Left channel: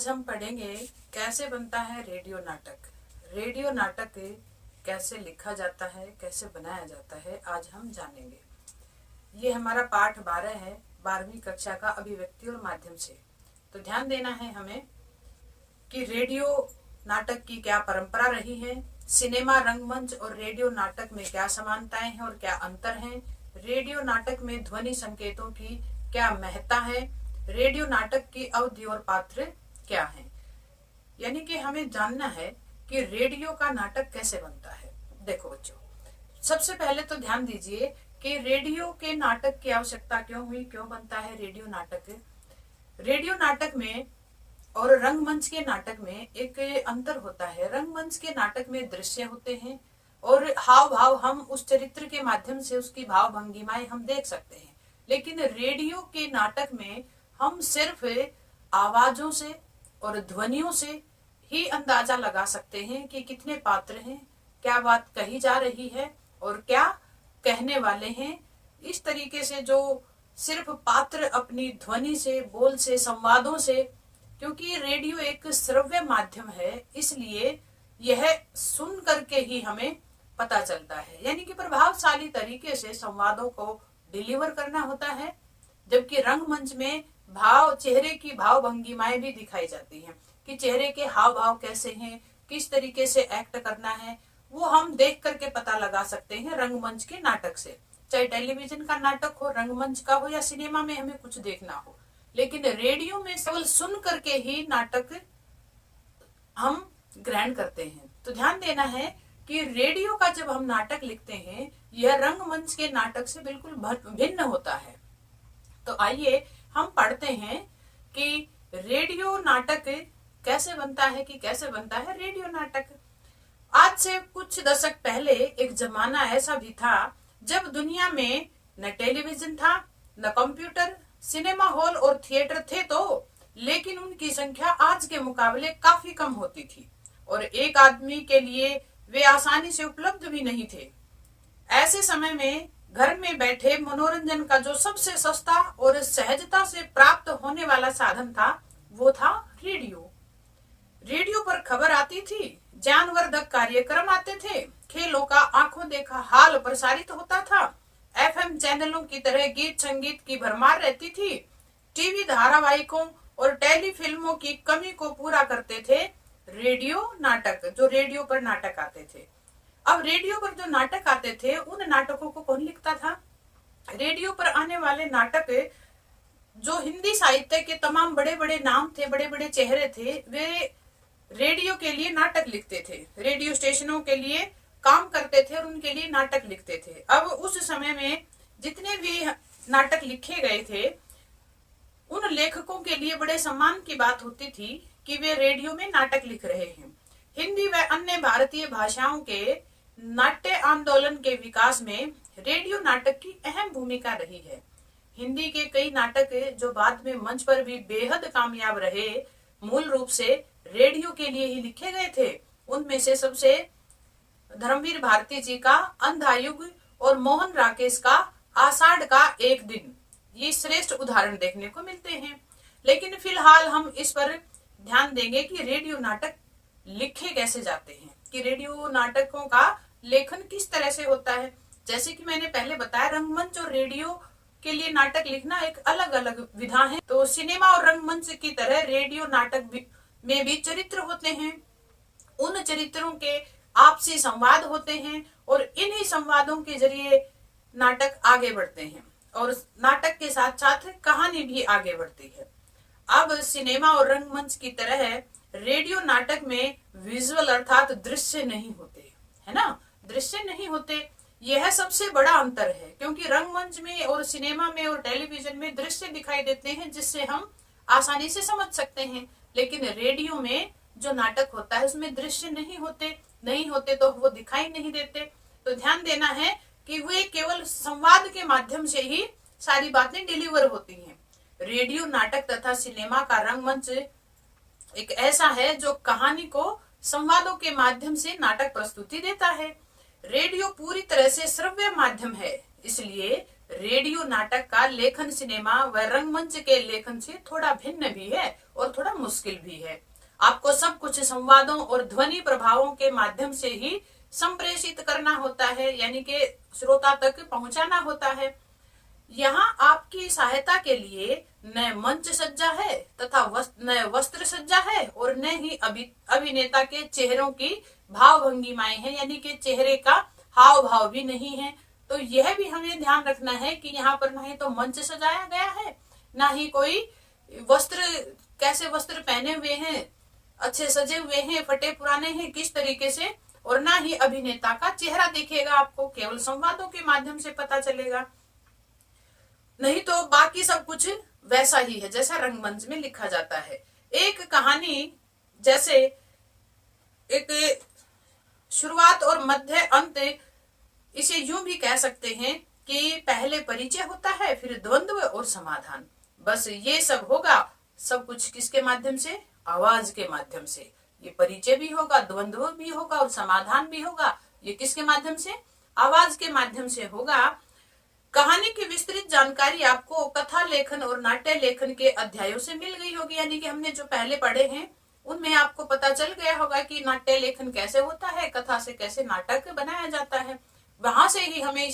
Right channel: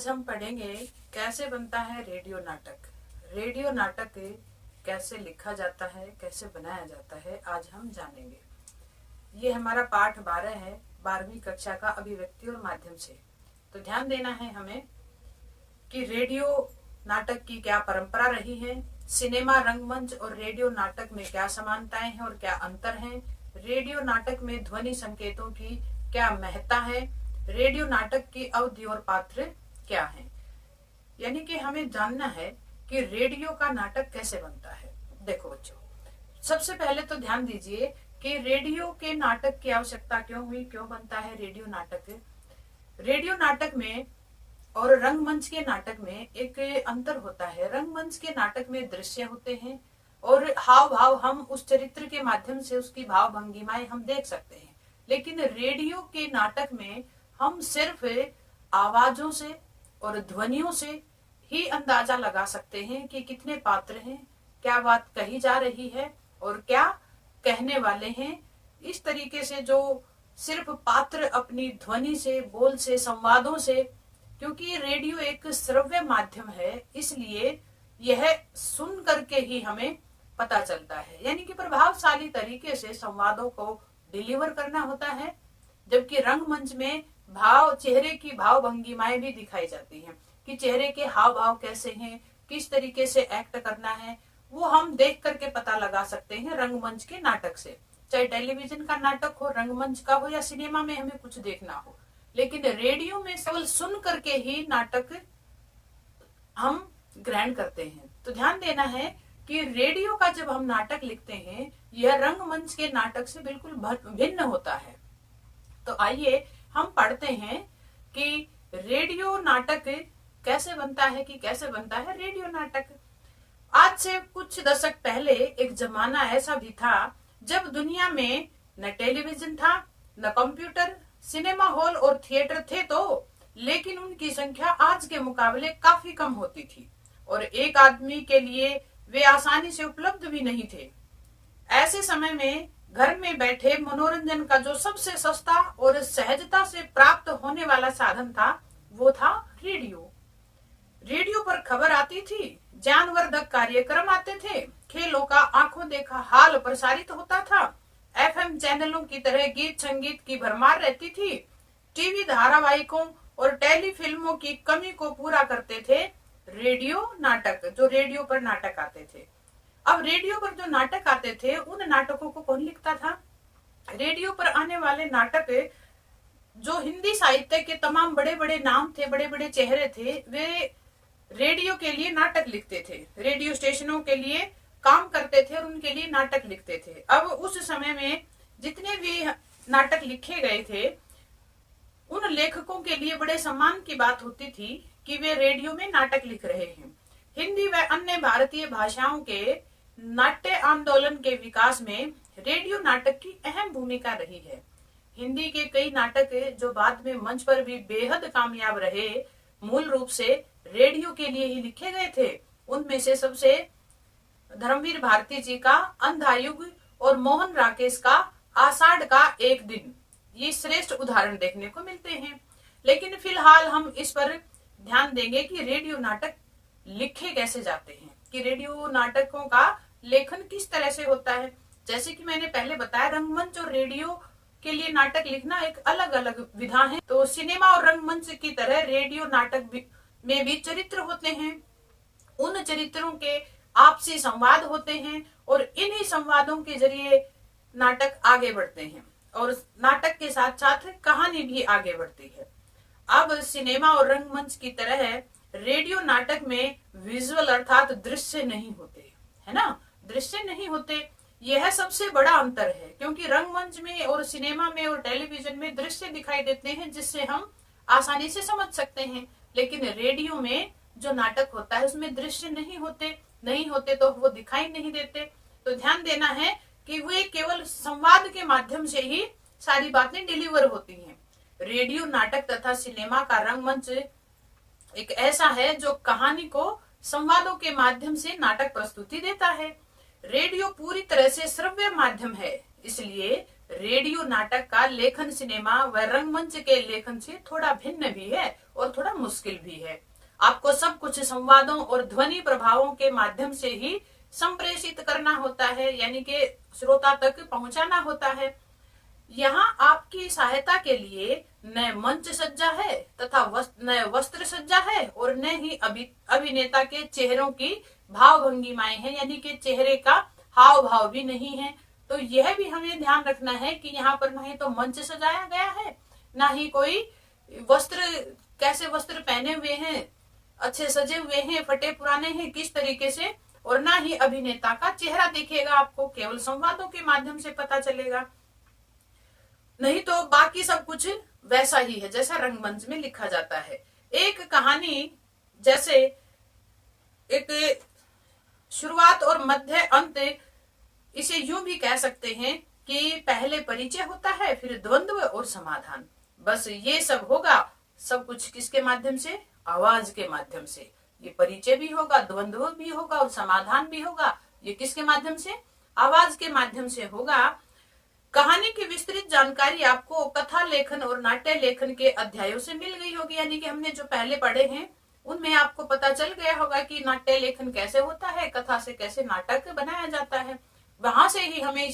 आज हम पढ़ेंगे कैसे बनता है रेडियो नाटक। रेडियो नाटक कैसे लिखा जाता है, कैसे बनाया जाता है, आज हम जानेंगे। ये हमारा पाठ 12 है, 12वीं कक्षा का अभिव्यक्ति और माध्यम से। तो ध्यान देना है हमें कि रेडियो नाटक की क्या परंपरा रही है, सिनेमा, रंगमंच और रेडियो नाटक में क्या समानताएं हैं और क्या अंतर हैं, रेडियो नाटक में ध्वनि संकेतों की क्या महत्ता है, रेडियो नाटक की अवधि और पात्र क्या है। यानी कि हमें जानना है कि रेडियो का नाटक कैसे बनता है। देखो बच्चों, सबसे पहले तो ध्यान दीजिए कि रेडियो के नाटक की आवश्यकता क्यों हुई, क्यों बनता है रेडियो नाटक। रेडियो नाटक में और रंगमंच के नाटक में एक अंतर होता है। रंगमंच के नाटक में दृश्य होते हैं और हाव भाव हम उस चरित्र के माध्यम से उसकी भाव भंगिमाएं हम देख सकते हैं, लेकिन रेडियो के नाटक में हम सिर्फ आवाजों से और ध्वनियों से ही अंदाजा लगा सकते हैं कि कितने पात्र हैं, क्या बात कही जा रही है और क्या कहने वाले हैं। इस तरीके से जो सिर्फ पात्र अपनी ध्वनि से, बोल से, संवादों से, क्योंकि रेडियो एक श्रव्य माध्यम है, इसलिए यह सुन करके ही हमें पता चलता है। यानी कि प्रभावशाली तरीके से संवादों को डिलीवर करना होता है, जबकि रंगमंच में भाव, चेहरे की भाव भंगिमाएं भी दिखाई जाती हैं कि चेहरे के हाव भाव कैसे हैं, किस तरीके से एक्ट करना है, वो हम देख करके पता लगा सकते हैं रंगमंच के नाटक से। चाहे टेलीविजन का नाटक हो, रंगमंच का हो या सिनेमा में हमें कुछ देखना हो, लेकिन रेडियो में केवल सुन करके ही नाटक हम ग्रहण करते हैं। तो ध्यान देना है कि रेडियो का जब हम नाटक लिखते हैं, यह रंगमंच के नाटक से बिल्कुल भिन्न होता है। तो आइए हम पढ़ते हैं कि रेडियो नाटक कैसे बनता है, रेडियो नाटक। आज से कुछ दशक पहले एक जमाना ऐसा भी था जब दुनिया में न टेलीविजन था, न कंप्यूटर, सिनेमा हॉल और थिएटर थे तो, लेकिन उनकी संख्या आज के मुकाबले काफी कम होती थी और एक आदमी के लिए वे आसानी से उपलब्ध भी नहीं थे। ऐसे समय में घर में बैठे मनोरंजन का जो सबसे सस्ता और सहजता से प्राप्त होने वाला साधन था, वो था रेडियो। रेडियो पर खबर आती थी, ज्ञानवर्धक कार्यक्रम आते थे, खेलों का आंखों देखा हाल प्रसारित होता था, एफएम चैनलों की तरह गीत संगीत की भरमार रहती थी, टीवी धारावाहिकों और टेलीफिल्मों की कमी को पूरा करते थे रेडियो नाटक, जो रेडियो पर नाटक आते थे। अब रेडियो पर जो नाटक आते थे, उन नाटकों को कौन लिखता था? रेडियो पर आने वाले नाटक, जो हिंदी साहित्य के तमाम बड़े बड़े नाम थे, बड़े बड़े चेहरे थे, वे रेडियो के लिए नाटक लिखते थे, रेडियो स्टेशनों के लिए काम करते थे और उनके लिए नाटक लिखते थे। अब उस समय में जितने भी नाटक लिखे गए थे, उन लेखकों के लिए बड़े सम्मान की बात होती थी कि वे रेडियो में नाटक लिख रहे हैं। हिंदी व अन्य भारतीय भाषाओं के नाट्य आंदोलन के विकास में रेडियो नाटक की अहम भूमिका रही है। हिंदी के कई नाटक जो बाद में मंच पर भी बेहद कामयाब रहे, मूल रूप से रेडियो के लिए ही लिखे गए थे। उनमें से सबसे धर्मवीर भारती जी का अंधायुग और मोहन राकेश का आषाढ़ का एक दिन, ये श्रेष्ठ उदाहरण देखने को मिलते हैं। लेकिन फिलहाल हम इस पर ध्यान देंगे कि रेडियो नाटक लिखे कैसे जाते हैं, कि रेडियो नाटकों का लेखन किस तरह से होता है। जैसे कि मैंने पहले बताया, रंगमंच और रेडियो के लिए नाटक लिखना एक अलग अलग विधा है। तो सिनेमा और रंगमंच की तरह रेडियो नाटक में भी चरित्र होते हैं, उन चरित्रों के आपसी संवाद होते हैं और इन्हीं संवादों के जरिए नाटक आगे बढ़ते हैं और नाटक के साथ साथ कहानी भी आगे बढ़ती है। अब सिनेमा और रंगमंच की तरह रेडियो नाटक में विजुअल अर्थात दृश्य नहीं होते, है ना, दृश्य नहीं होते। यह सबसे बड़ा अंतर है, क्योंकि रंगमंच में और सिनेमा में और टेलीविजन में दृश्य दिखाई देते हैं जिससे हम आसानी से समझ सकते हैं, लेकिन रेडियो में जो नाटक होता है उसमें दृश्य नहीं होते तो वो दिखाई नहीं देते। तो ध्यान देना है कि वे केवल संवाद के माध्यम से ही सारी बातें डिलीवर होती हैं। रेडियो नाटक तथा सिनेमा का रंगमंच एक ऐसा है जो कहानी को संवादों के माध्यम से नाटक प्रस्तुति देता है। रेडियो पूरी तरह से श्रव्य माध्यम है, इसलिए रेडियो नाटक का लेखन सिनेमा व रंगमंच के लेखन से थोड़ा भिन्न भी है और थोड़ा मुश्किल भी है। आपको सब कुछ संवादों और ध्वनि प्रभावों के माध्यम से ही संप्रेषित करना होता है, यानी कि श्रोता तक पहुंचाना होता है। यहाँ आपकी सहायता के लिए न मंच सज्जा है तथा न वस्त्र सज्जा है और न ही अभिनेता के चेहरों की भाव भंगिमाएं हैं, यानी कि चेहरे का हाव भाव भी नहीं है। तो यह भी हमें ध्यान रखना है कि यहाँ पर ना ही तो मंच सजाया गया है, ना ही कोई वस्त्र, कैसे वस्त्र पहने हुए हैं, अच्छे सजे हुए हैं, फटे पुराने हैं, किस तरीके से, और ना ही अभिनेता का चेहरा दिखेगा आपको, केवल संवादों के माध्यम से पता चलेगा। नहीं तो बाकी सब कुछ वैसा ही है जैसा रंगमंच में लिखा जाता है। एक कहानी जैसे एक शुरुआत और मध्य अंत, इसे यूं भी कह सकते हैं कि पहले परिचय होता है, फिर द्वंद्व और समाधान। बस ये सब होगा, सब कुछ किसके माध्यम से? आवाज के माध्यम से। ये परिचय भी होगा, द्वंद्व भी होगा और समाधान भी होगा। ये किसके माध्यम से? आवाज के माध्यम से होगा। कहानी की विस्तृत जानकारी आपको कथा लेखन और नाट्य लेखन के अध्यायों से मिल गई होगी, यानी कि हमने जो पहले पढ़े हैं उनमें आपको पता चल गया होगा कि नाट्य लेखन कैसे होता है, कथा से कैसे नाटक बनाया जाता है। वहां से ही हमें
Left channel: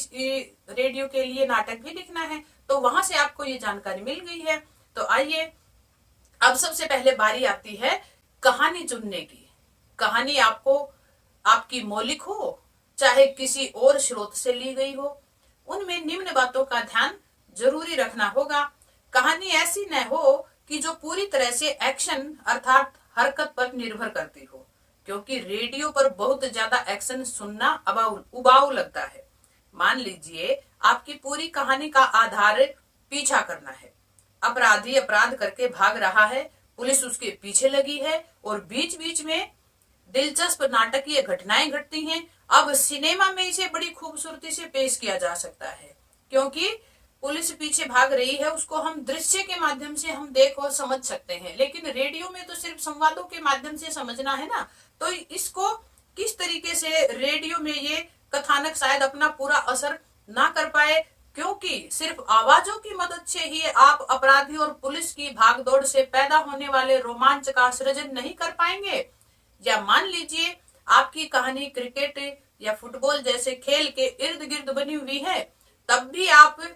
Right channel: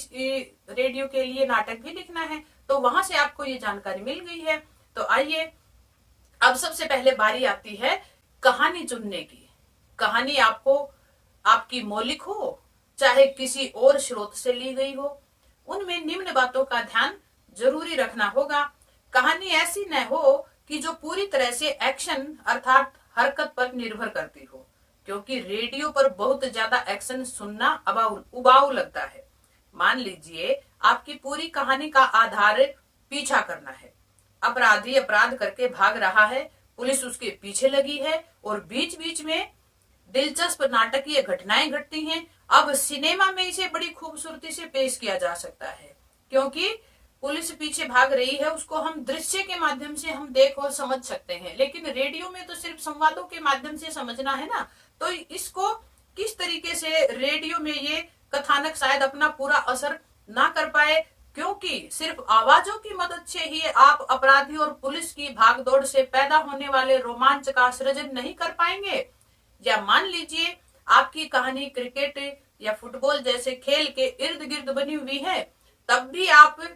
रेडियो के लिए नाटक भी लिखना है, तो वहां से आपको ये जानकारी मिल गई है। तो आइए अब सबसे पहले बारी आती है कहानी चुनने की। कहानी आपको आपकी मौलिक हो चाहे किसी और स्रोत से ली गई हो, उनमें निम्न बातों का ध्यान जरूरी रखना होगा। कहानी ऐसी न हो कि जो पूरी तरह से एक्शन अर्थात हरकत पर निर्भर करती हो, क्योंकि रेडियो पर बहुत ज्यादा एक्शन सुनना उबाऊ लगता है। मान लीजिए आपकी पूरी कहानी का आधार पीछा करना है। अपराधी अपराध करके भाग रहा है, पुलिस उसके पीछे लगी है और बीच बीच में दिलचस्प नाटकीय घटनाएं घटती हैं। अब सिनेमा में इसे बड़ी खूबसूरती से पेश किया जा सकता है, क्योंकि पुलिस पीछे भाग रही है, उसको हम दृश्य के माध्यम से हम देख और समझ सकते हैं। लेकिन रेडियो में तो सिर्फ संवादों के माध्यम से समझना है ना, तो इसको किस तरीके से रेडियो में ये कथानक शायद अपना पूरा असर ना कर पाए, क्योंकि सिर्फ आवाजों की मदद से ही आप अपराधी और पुलिस की भागदौड़ से पैदा होने वाले रोमांच का सृजन नहीं कर पाएंगे। या मान लीजिए आपकी कहानी क्रिकेट या फुटबॉल जैसे खेल के इर्द गिर्द बनी हुई है, तब भी आप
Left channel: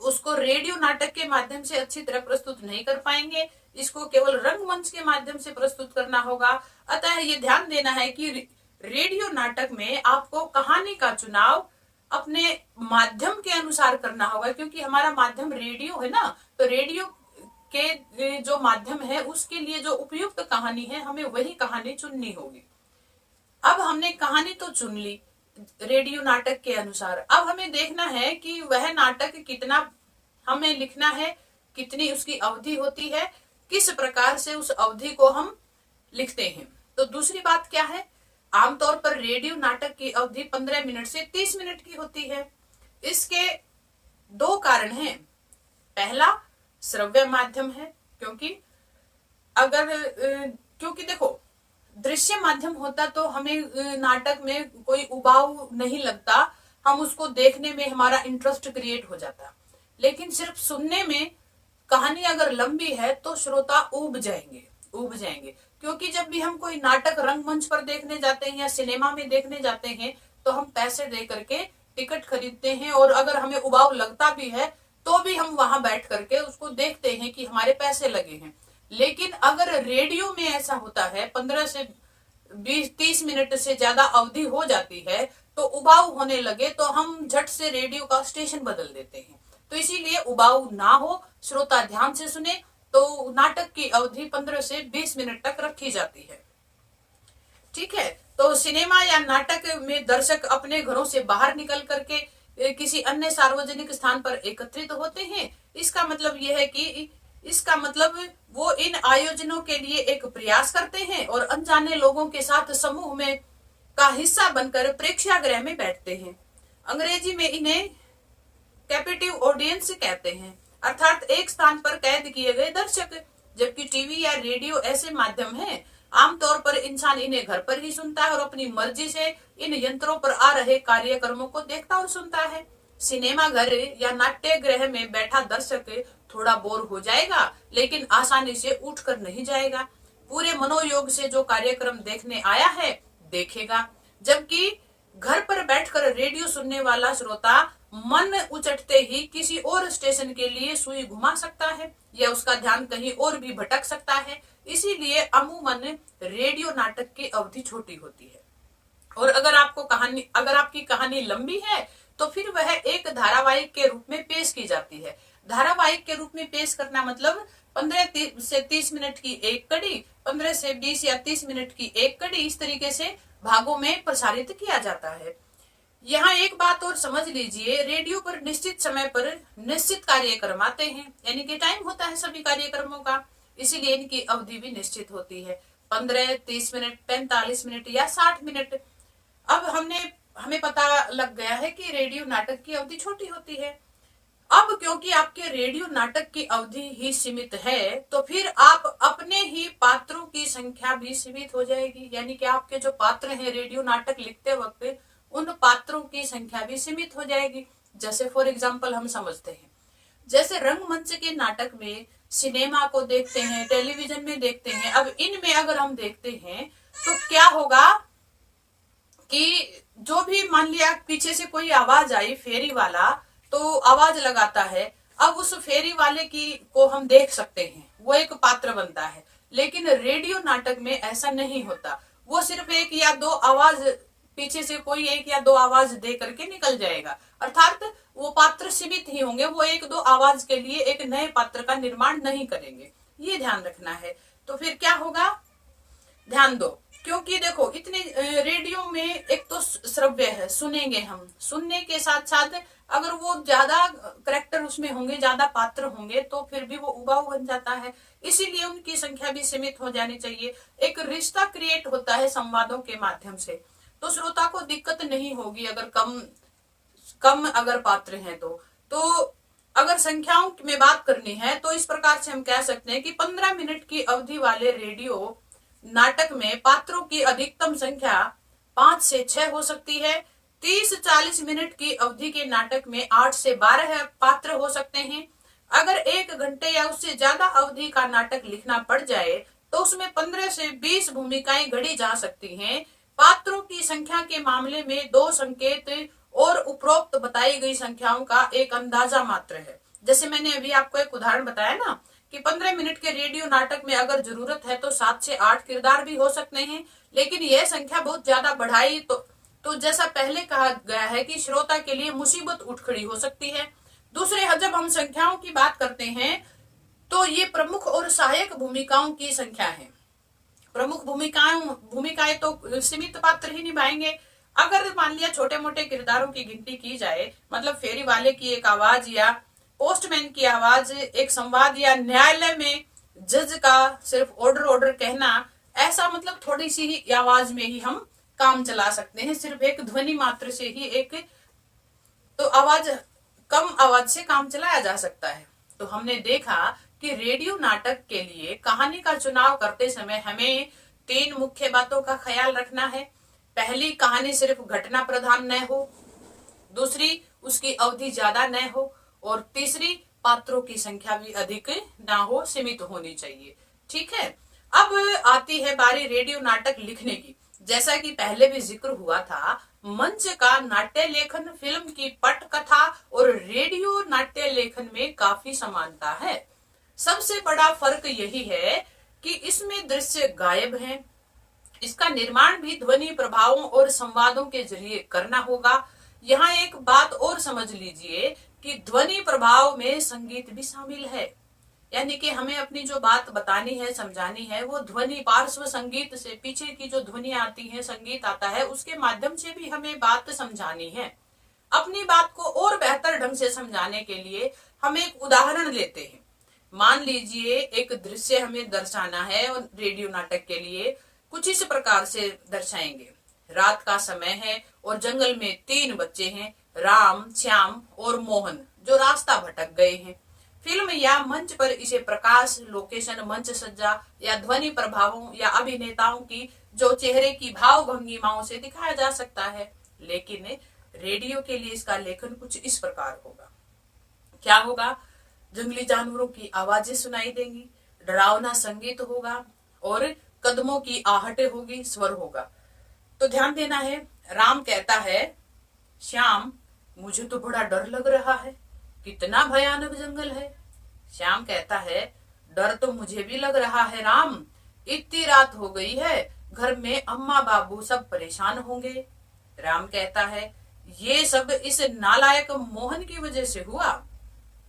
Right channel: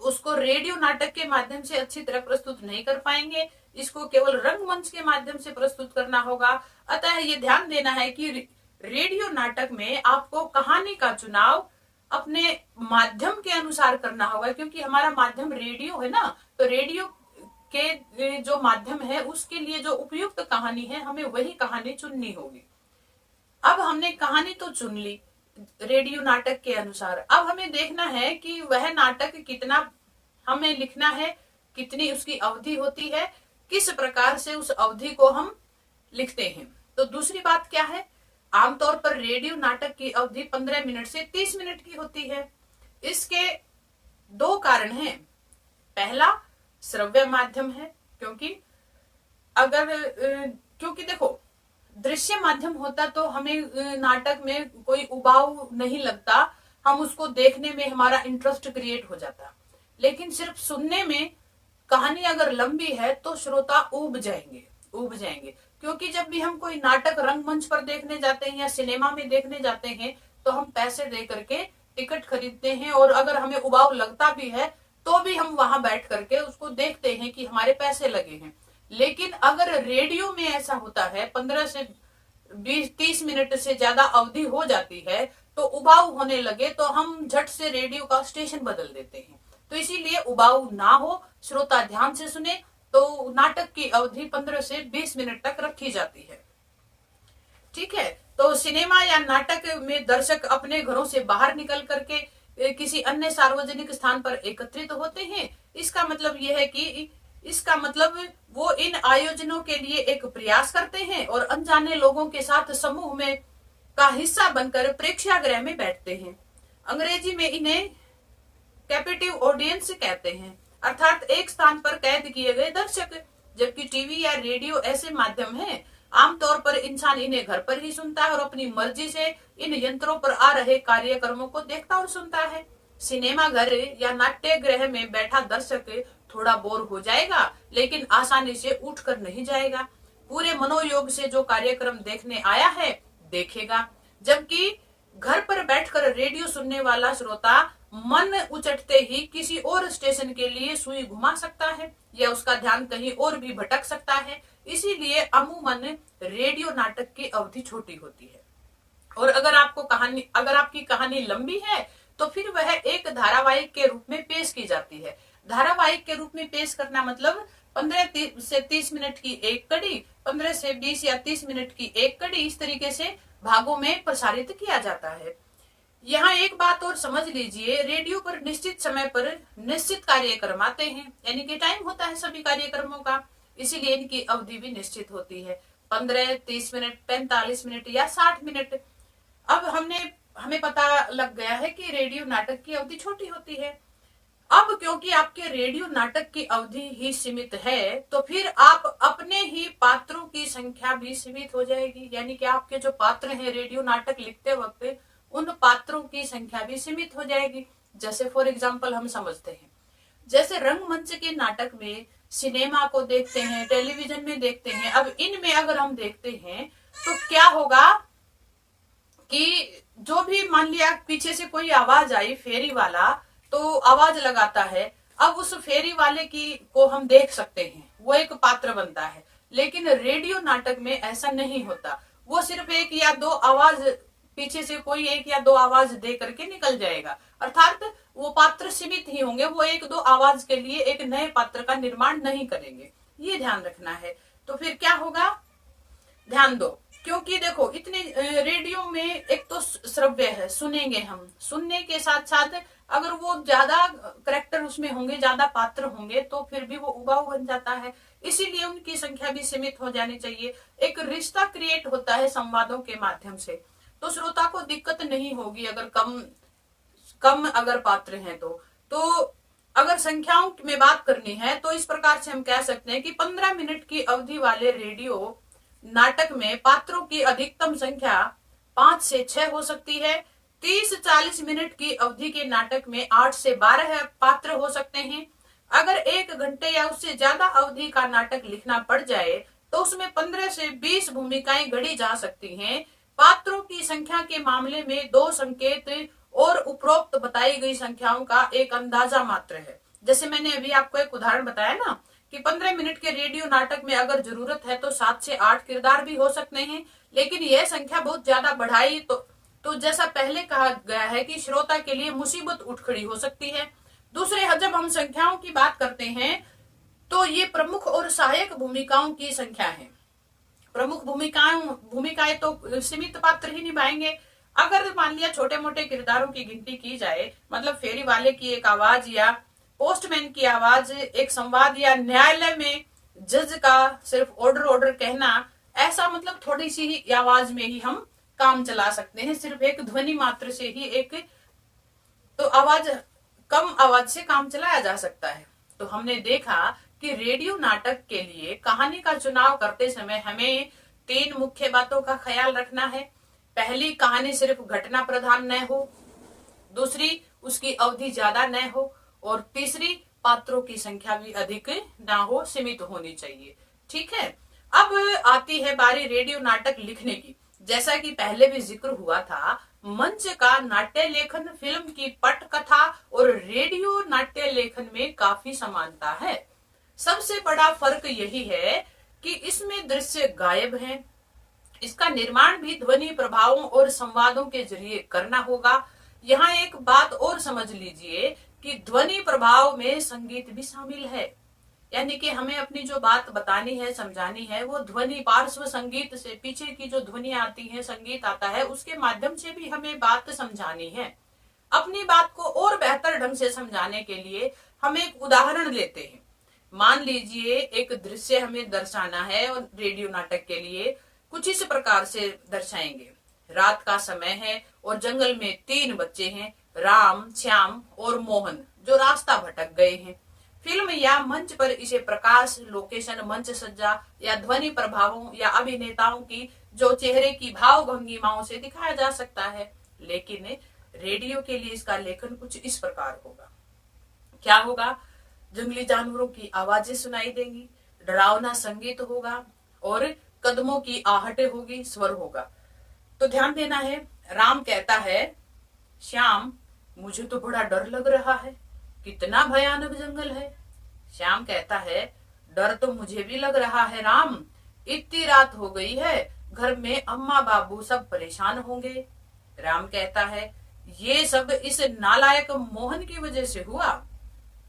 उसको रेडियो नाटक के माध्यम से अच्छी तरह प्रस्तुत नहीं कर पाएंगे। इसको केवल रंगमंच के माध्यम से प्रस्तुत करना होगा। अतः ये ध्यान देना है कि रेडियो नाटक में आपको कहानी का चुनाव अपने माध्यम के अनुसार करना होगा, क्योंकि हमारा माध्यम रेडियो है ना, तो रेडियो के जो माध्यम है उसके लिए जो उपयुक्त कहानी है हमें वही कहानी चुननी होगी। अब हमने कहानी तो चुन ली रेडियो नाटक के अनुसार, अब हमें देखना है कि वह नाटक कितना हमें लिखना है, कितनी उसकी अवधि होती है, किस प्रकार से उस अवधि को हम लिखते हैं। तो दूसरी बात क्या है, आमतौर पर रेडियो नाटक की अवधि 15 मिनट से 30 मिनट की होती है। इसके दो कारण हैं। पहला श्रव्य माध्यम है, क्योंकि देखो दृश्य माध्यम होता तो हमें नाटक में कोई उबाऊ नहीं लगता, हम उसको देखने में हमारा इंटरेस्ट क्रिएट हो जाता। लेकिन सिर्फ सुनने में कहानी अगर लंबी है तो श्रोता ऊब जाएंगे, क्योंकि जब भी हम कोई नाटक रंगमंच पर देखने जाते हैं या सिनेमा में देखने जाते हैं तो हम पैसे दे करके टिकट खरीदते हैं, और अगर हमें उबाऊ लगता भी है तो भी हम वहां बैठ करके उसको देखते हैं कि हमारे पैसे लगे हैं। लेकिन अगर रेडियो में ऐसा होता है 15 से 20-30 मिनट से ज्यादा अवधि हो जाती है तो उबाऊ होने लगे तो हम झट से रेडियो का स्टेशन बदल देते हैं। तो इसीलिए उबाऊ ना हो, श्रोता ध्यान से सुने, तो नाटक की अवधि 15 से 20 मिनट तक रखी जाती है। ठीक है, तो सिनेमा या नाटक में दर्शक अपने घरों से बाहर निकल करके किसी अन्य सार्वजनिक स्थान पर एकत्रित होते हैं। इसका मतलब यह है कि वो इन आयोजनों के लिए एक प्रयास करते हैं और अनजाने लोगों के साथ समूह में का हिस्सा बनकर प्रेक्षागृह में बैठते हैं। अंग्रेजी में इन्हें कैप्टिव ऑडियंस कहते हैं, अर्थात एक स्थान पर कैद किए गए दर्शक। जबकि टीवी या रेडियो ऐसे माध्यम हैं, आमतौर पर इंसान इन्हें घर पर ही सुनता है और अपनी मर्जी से इन यंत्रों पर आ रहे कार्यक्रमों को देखता और सुनता है। सिनेमा घर या नाट्य गृह में बैठा दर्शक थोड़ा बोर हो जाएगा, लेकिन आसानी से उठकर नहीं जाएगा। पूरे मनोयोग से जो कार्यक्रम देखने आया है देखेगा। जबकि घर पर बैठकर रेडियो सुनने वाला श्रोता मन उचटते ही किसी और स्टेशन के लिए सुई घुमा सकता है या उसका ध्यान कहीं और भी भटक सकता है। इसीलिए अमूमन रेडियो नाटक की अवधि छोटी होती है। और अगर आपकी कहानी लंबी है तो फिर वह एक धारावाहिक के रूप में पेश की जाती है। धारावाहिक के रूप में पेश करना मतलब 15 से 30 मिनट की एक कड़ी, 15 से 20 या 30 मिनट की एक कड़ी, इस तरीके से भागों में प्रसारित किया जाता है। यहाँ एक बात और समझ लीजिए, रेडियो पर निश्चित समय पर निश्चित कार्यक्रम आते हैं, यानी कि टाइम होता है सभी कार्यक्रमों का, इसीलिए इनकी अवधि भी निश्चित होती है, 15, 30 मिनट, 45 मिनट या 60 मिनट। अब हमें पता लग गया है कि रेडियो नाटक की अवधि छोटी होती है। अब क्योंकि आपके रेडियो नाटक की अवधि ही सीमित है, तो फिर आप अपने ही पात्रों की संख्या भी सीमित हो जाएगी, यानी कि आपके जो पात्र हैं रेडियो नाटक लिखते वक्त, उन पात्रों की संख्या भी सीमित हो जाएगी। जैसे फॉर एग्जाम्पल हम समझते हैं, जैसे रंगमंच के नाटक में, सिनेमा को देखते हैं, टेलीविजन में देखते हैं। अब इनमें अगर हम देखते हैं तो क्या होगा कि जो भी मान लिया पीछे से कोई आवाज आई, फेरी वाला तो आवाज लगाता है, अब उस फेरी वाले को हम देख सकते हैं, वो एक पात्र बनता है। लेकिन रेडियो नाटक में ऐसा नहीं होता, वो सिर्फ एक या दो आवाज, पीछे से कोई एक या दो आवाज दे करके निकल जाएगा, अर्थात वो पात्र सीमित ही होंगे, वो एक दो आवाज के लिए एक नए पात्र का निर्माण नहीं करेंगे, ये ध्यान रखना है। तो फिर क्या होगा, ध्यान दो, क्योंकि देखो इतने रेडियो में एक तो श्रव्य है, सुनेंगे हम, सुनने के साथ साथ अगर वो ज्यादा करेक्टर उसमें होंगे, ज्यादा पात्र होंगे, तो फिर भी वो उबाऊ बन जाता है, इसीलिए उनकी संख्या भी सीमित हो जानी चाहिए। एक रिश्ता क्रिएट होता है संवादों के माध्यम से, तो श्रोता को दिक्कत नहीं होगी अगर कम अगर पात्र हैं तो अगर संख्याओं में बात करनी है तो इस प्रकार से हम कह सकते हैं कि 15 मिनट की अवधि वाले रेडियो नाटक में पात्रों की अधिकतम संख्या 5 से 6 हो सकती है। 30-40 मिनट की अवधि के नाटक में 8 से 12 पात्र हो सकते हैं। अगर 1 घंटे या उससे ज्यादा अवधि का नाटक लिखना पड़ जाए तो उसमें 15 से 20 भूमिकाएं गढ़ी जा सकती हैं। पात्रों की संख्या के मामले में 2 संकेत और उपरोक्त बताई गई संख्याओं का एक अंदाजा मात्र है। जैसे मैंने अभी आपको एक उदाहरण बताया ना कि 15 मिनट के रेडियो नाटक में अगर जरूरत है तो 7 से 8 किरदार भी हो सकते हैं, लेकिन यह संख्या बहुत ज्यादा बढ़ाई तो जैसा पहले कहा गया है कि श्रोता के लिए मुसीबत उठ खड़ी हो सकती है। दूसरे, जब हम संख्याओं की बात करते हैं तो ये प्रमुख और सहायक भूमिकाओं की संख्या है। प्रमुख भूमिकाएं तो सीमित पात्र ही निभाएंगे। अगर मान लिया छोटे मोटे किरदारों की गिनती की जाए, मतलब फेरी वाले की एक आवाज या पोस्टमैन की आवाज, एक संवाद या न्यायालय में जज का सिर्फ ऑर्डर कहना, ऐसा मतलब थोड़ी सी ही आवाज में ही हम काम चला सकते हैं, सिर्फ एक ध्वनि मात्र से ही एक तो कम आवाज से काम चलाया जा सकता है। तो हमने देखा कि रेडियो नाटक के लिए कहानी का चुनाव करते समय हमें 3 मुख्य बातों का ख्याल रखना है। पहली, कहानी सिर्फ घटना प्रधान न हो। दूसरी, उसकी अवधि ज्यादा न हो। और तीसरी, पात्रों की संख्या भी अधिक ना हो, सीमित होनी चाहिए। ठीक है, अब आती है बारी रेडियो नाटक लिखने की। जैसा कि पहले भी जिक्र हुआ था, मंच का नाट्य लेखन फिल्म की पटकथा और रेडियो नाट्य लेखन में काफी समानता है। सबसे बड़ा फर्क यही है कि इसमें दृश्य गायब हैं। इसका निर्माण भी ध्वनि प्रभावों और संवादों के जरिए करना होगा। यहाँ एक बात और समझ लीजिए कि ध्वनि प्रभाव में संगीत भी शामिल है, यानी कि हमें अपनी जो बात बतानी है, समझानी है, वो ध्वनि पार्श्व संगीत से, पीछे की जो ध्वनि आती है, संगीत आता है, उसके माध्यम से भी हमें बात समझानी है। अपनी बात को और बेहतर ढंग से समझाने के लिए हम एक उदाहरण लेते हैं। मान लीजिए एक दृश्य हमें दर्शाना है और रेडियो नाटक के लिए कुछ इस प्रकार से दर्शाएंगे। रात का समय है और जंगल में 3 बच्चे हैं, राम, श्याम और मोहन, जो रास्ता भटक गए हैं। फिल्म या मंच पर इसे प्रकाश, लोकेशन, मंच सज्जा या ध्वनि प्रभावों या अभिनेताओं की जो चेहरे की भाव भंगिमाओं से दिखाया जा सकता है। लेकिन रेडियो के लिए इसका लेखन कुछ इस प्रकार होगा। क्या होगा? जंगली जानवरों की आवाजें सुनाई देंगी, डरावना संगीत होगा और कदमों की आहटें होगी, स्वर होगा। तो ध्यान देना है, राम कहता है, श्याम मुझे तो बड़ा डर लग रहा है, कितना भयानक जंगल है। श्याम कहता है, डर तो मुझे भी लग रहा है राम, इतनी रात हो गई है, घर में अम्मा बाबू सब परेशान होंगे। राम कहता है, ये सब इस नालायक मोहन की वजह से हुआ।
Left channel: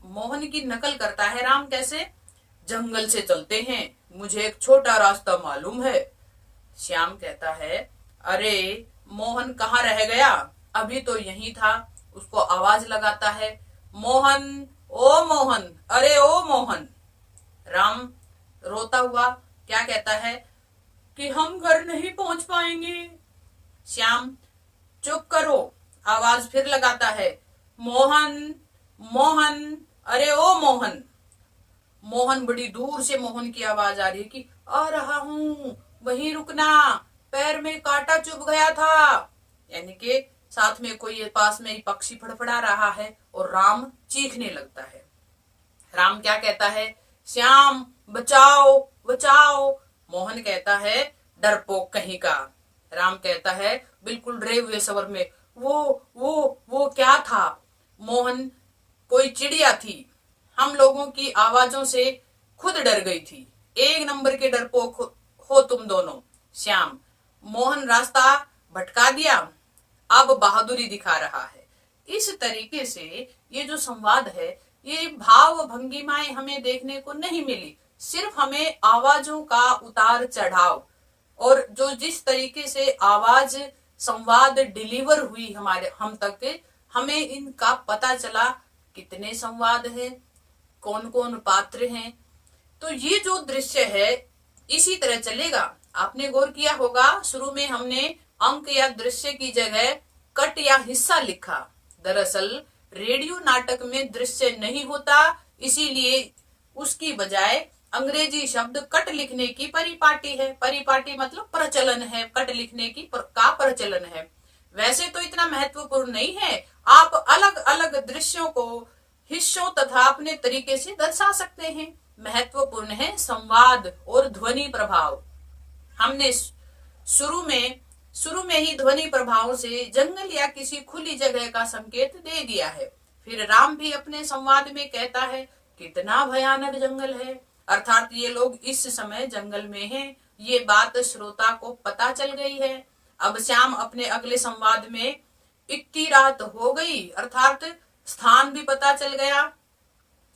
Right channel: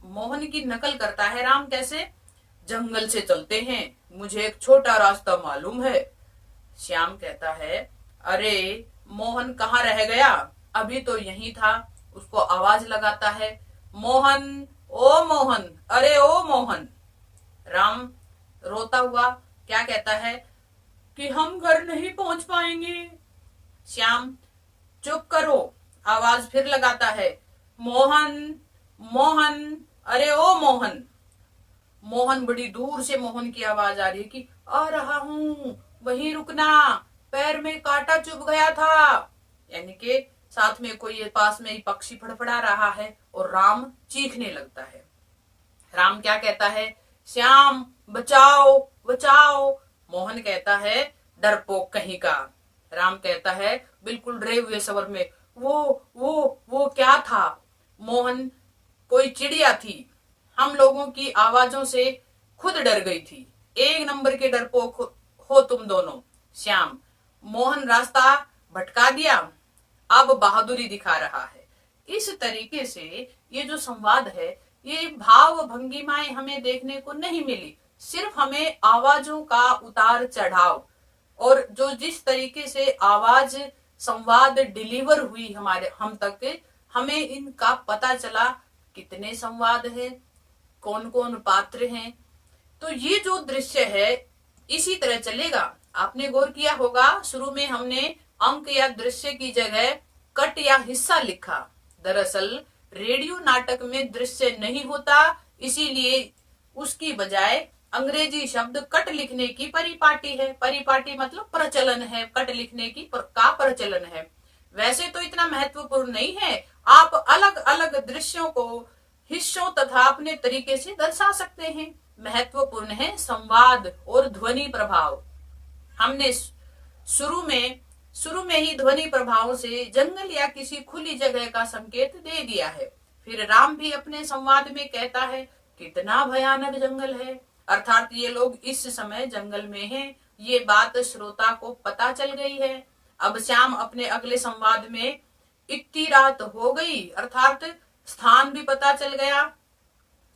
मोहन की नकल करता है राम, कैसे? जंगल से चलते हैं, मुझे एक छोटा रास्ता मालूम है। श्याम कहता है, अरे मोहन कहाँ रह गया, अभी तो यही था। उसको आवाज लगाता है, मोहन, ओ मोहन, अरे ओ मोहन। राम रोता हुआ क्या कहता है कि हम घर नहीं पहुंच पाएंगे। श्याम, चुप करो, आवाज फिर लगाता है, मोहन, मोहन, अरे ओ मोहन। मोहन, बड़ी दूर से मोहन की आवाज आ रही है कि आ रहा हूं, वहीं रुकना, पैर में कांटा चुभ गया था। यानी कि साथ में कोई पास में ही पक्षी फड़फड़ा रहा है और राम चीखने लगता है। राम क्या कहता है? श्याम बचाओ बचाओ। मोहन कहता है, डरपोक कहीं का। राम कहता है बिल्कुल डरे हुए स्वर में, वो क्या था? मोहन, कोई चिड़िया थी, हम लोगों की आवाजों से खुद डर गई थी। एक नंबर के डरपोक हो तुम दोनों। श्याम, मोहन रास्ता भटका दिया, अब बहादुरी दिखा रहा है। इस तरीके से ये जो संवाद है, ये भाव भंगिमाएं हमें देखने को नहीं मिली, सिर्फ हमें आवाजों का उतार चढ़ाव और जो जिस तरीके से आवाज संवाद डिलीवर हुई हम तक, हमें इनका पता चला। कितने संवाद है, कौन कौन पात्र हैं। तो ये जो दृश्य है इसी तरह चलेगा। आपने गौर किया होगा, शुरू में हमने अंक या दृश्य की जगह कट या हिस्सा लिखा। दरअसल रेडियो नाटक में दृश्य नहीं होता, इसीलिए उसकी बजाय अंग्रेजी शब्द कट लिखने की परिपाटी है। परिपाटी मतलब प्रचलन है, कट लिखने की का प्रचलन है। वैसे तो इतना महत्वपूर्ण नहीं है, आप अलग अलग दृश्यों को हिस्सों तथा अपने तरीके से दर्शा सकते हैं। महत्वपूर्ण है संवाद और ध्वनि प्रभाव। हमने शुरू में ही ध्वनि प्रभाव से जंगल या किसी खुली जगह का संकेत दे दिया है। फिर राम भी अपने संवाद में कहता है, कितना भयानक जंगल है, अर्थात ये लोग इस समय जंगल में हैं। ये बात श्रोता को पता चल गई है। अब श्याम अपने अगले संवाद में इतनी रात हो गई, अर्थात स्थान भी पता चल गया,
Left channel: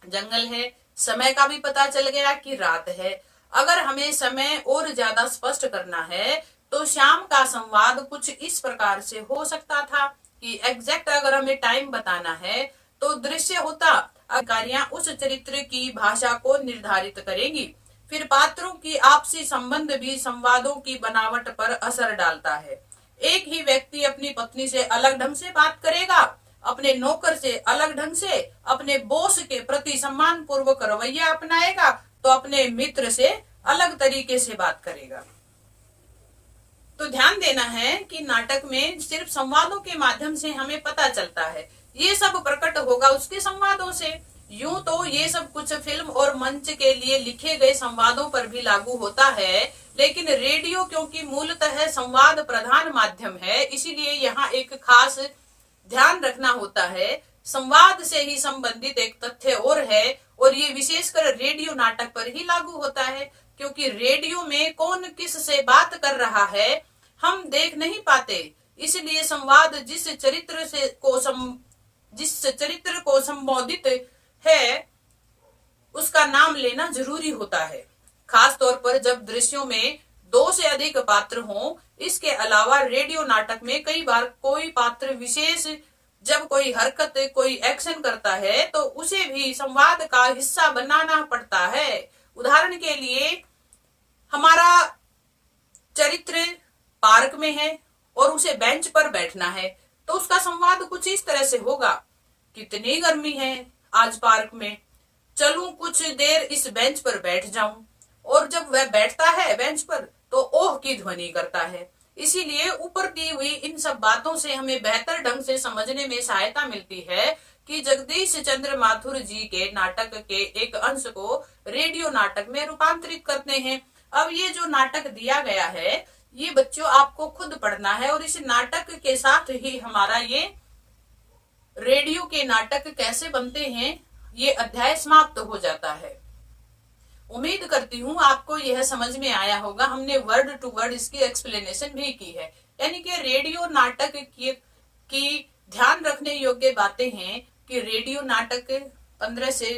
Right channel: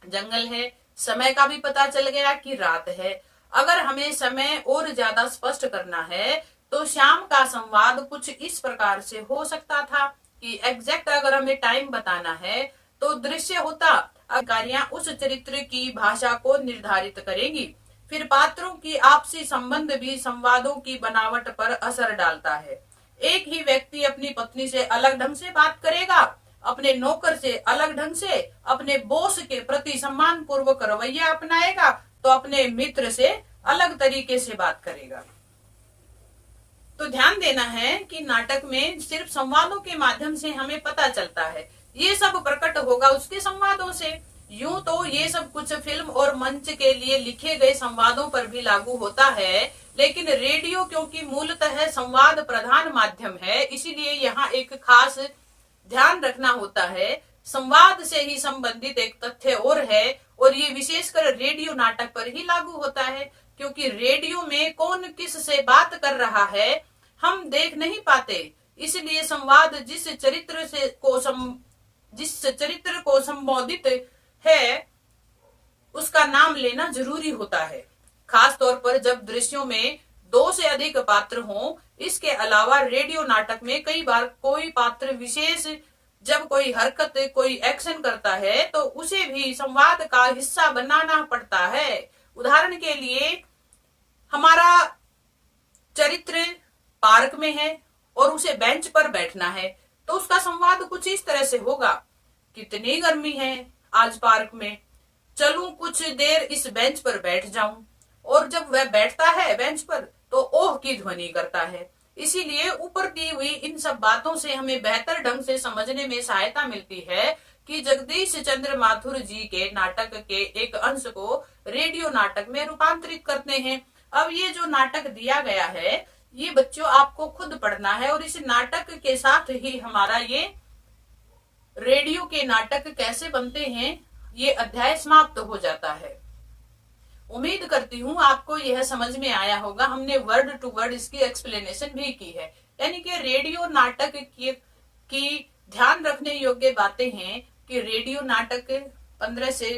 जंगल है, समय का भी पता चल गया कि रात है। अगर हमें समय और ज्यादा स्पष्ट करना है तो श्याम का संवाद कुछ इस प्रकार से हो सकता था कि एग्जैक्ट अगर हमें टाइम बताना है तो दृश्य होता, अधिकारियां उस चरित्र की भाषा को निर्धारित करेगी। फिर पात्रों की आपसी संबंध भी संवादों की बनावट पर असर डालता है। एक ही व्यक्ति अपनी पत्नी से अलग ढंग से बात करेगा, अपने नौकर से अलग ढंग से, अपने बॉस के प्रति सम्मान पूर्वक रवैया अपनाएगा तो अपने मित्र से अलग तरीके से बात करेगा। तो ध्यान देना है कि नाटक में सिर्फ संवादों के माध्यम से हमें पता चलता है, ये सब प्रकट होगा उसके संवादों से। यूं तो ये सब कुछ फिल्म और मंच के लिए लिखे गए संवादों पर भी लागू होता है, लेकिन रेडियो क्योंकि मूलतः संवाद प्रधान माध्यम है, इसीलिए यहाँ एक खास ध्यान रखना होता है। संवाद से ही संबंधित एक तथ्य और है, और ये विशेषकर रेडियो नाटक पर ही लागू होता है, क्योंकि रेडियो में कौन किस से बात कर रहा है हम देख नहीं पाते, इसलिए संवाद जिस चरित्र को संबोधित है उसका नाम लेना जरूरी होता है। खास तौर पर जब दृश्यों में 2 से अधिक पात्र हों। इसके अलावा रेडियो नाटक में कई बार कोई पात्र विशेष जब कोई हरकत, कोई एक्शन करता है तो उसे भी संवाद का हिस्सा बनाना पड़ता है। उदाहरण के लिए हमारा चरित्र पार्क में है और उसे बेंच पर बैठना है तो उसका संवाद कुछ इस तरह से होगा, कितनी गर्मी है आज पार्क में, चलूं कुछ देर इस बेंच पर बैठ जाऊं। और जब वह बैठता है बेंच पर तो ओह की ध्वनि करता है। इसीलिए ऊपर दी हुई इन सब बातों से हमें बेहतर ढंग से समझने में सहायता मिलती है कि जगदीश चंद्र माथुर जी के नाटक के एक अंश को रेडियो नाटक में रूपांतरित करते हैं। अब ये जो नाटक दिया गया है ये बच्चों आपको खुद पढ़ना है और इस नाटक के साथ ही हमारा ये रेडियो के नाटक कैसे बनते हैं ये अध्याय समाप्त हो जाता है। उम्मीद करती हूँ आपको यह समझ में आया होगा। हमने वर्ड टू वर्ड इसकी एक्सप्लेनेशन भी की है। यानी कि रेडियो नाटक की ध्यान रखने योग्य बातें हैं कि रेडियो नाटक 15 से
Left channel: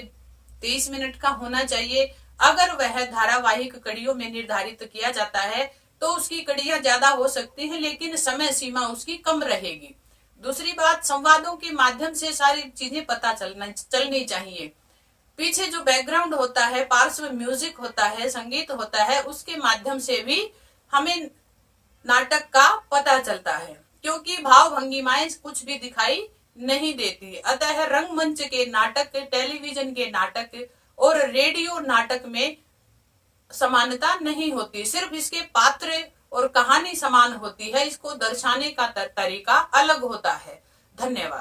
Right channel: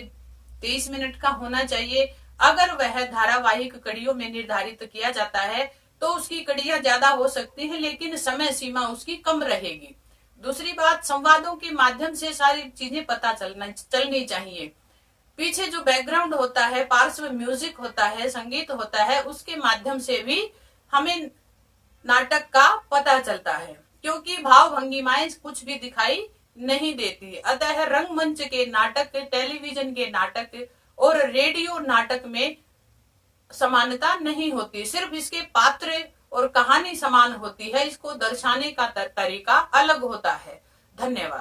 30 मिनट का होना चाहिए। अगर वह धारावाहिक कड़ियों में निर्धारित किया जाता है तो उसकी कड़ियां ज्यादा हो सकती है लेकिन समय सीमा उसकी कम रहेगी। दूसरी बात, संवादों के माध्यम से सारी चीजें पता चलनी चाहिए। पीछे जो बैकग्राउंड होता है, पार्श्व म्यूजिक होता है, संगीत होता है, उसके माध्यम से भी हमें नाटक का पता चलता है क्योंकि भाव भंगिमाएं कुछ भी दिखाई नहीं देती। अतः रंगमंच के नाटक, टेलीविजन के नाटक और रेडियो नाटक में समानता नहीं होती, सिर्फ इसके पात्र और कहानी समान होती है। इसको दर्शाने का तरीका अलग होता है। धन्यवाद।